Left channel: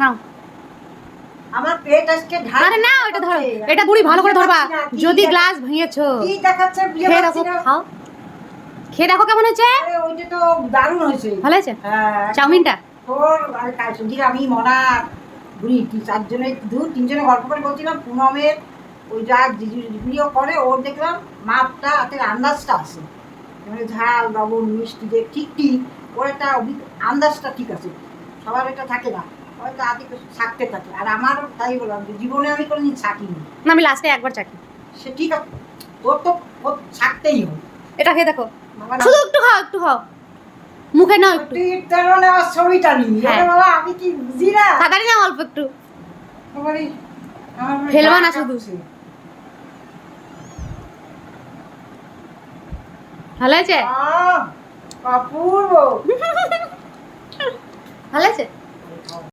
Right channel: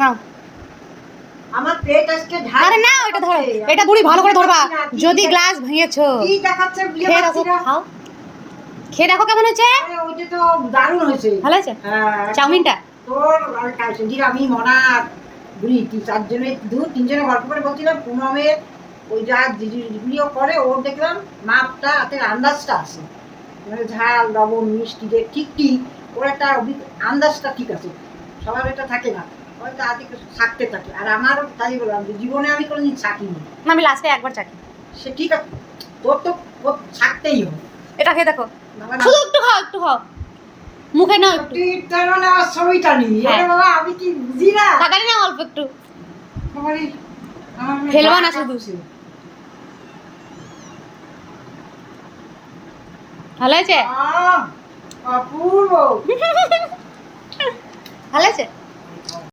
নাও। আমার পেট আজকে ঢাল। আরে না, এটা ধরো, এটা বুড়ি ভালো করে ধরবা, যদি গ্লাস ভেঙেছো। কি দেখাচ্ছে বিয়ে খেয়ে পাচ্ছি দেখো, না। খাও, খেয়ে দেখো কেমন হয়েছে। আরে ওইটা তো দারুণ হয়েছে। ভালো হয়েছে হ্যাঁ, চাউমিনটা। তোর আর কালসুজির আমি মনা বুড়ি চারজনে তিনজনে গল্প করে বলছিলাম পুনমের ওই যা জিনিসগুলিও করে ওর দেখলাম মাপটা হাতের আন্দাজটা আছে, মানে ঝাল লবণ মিষ্টি যে ঠিক ঠিক ওর একটা আন্দাজটা ঠিক আছে, সবার এটা থাকে না, হয়তো হাতে কিছু থাকতে থাকে। আর আমারও তাই বললাম জীবনে আমি কোনোদিন ছাকিনি। না, আমি লাস্টে একবার চাকি। সে ঠিক আছে, তোর তো ছাকতেই হবে। এটা খেয়ে দেখো, বাবা শুধু একটু খাও, একটু খাও, মুখে নাও একটু। তুই তোর না ছবিটা নিবি। হ্যাঁ। আরে বাবা আমি কি বুঝি না। তাড়াতাড়ি নাও, অল্প একটু। বাবারে, আমার মনে ফেলবা না গা শুধু। কাঁপছে। ভালো হয়েছে, অপূর্ব। ভালো হয়েছে।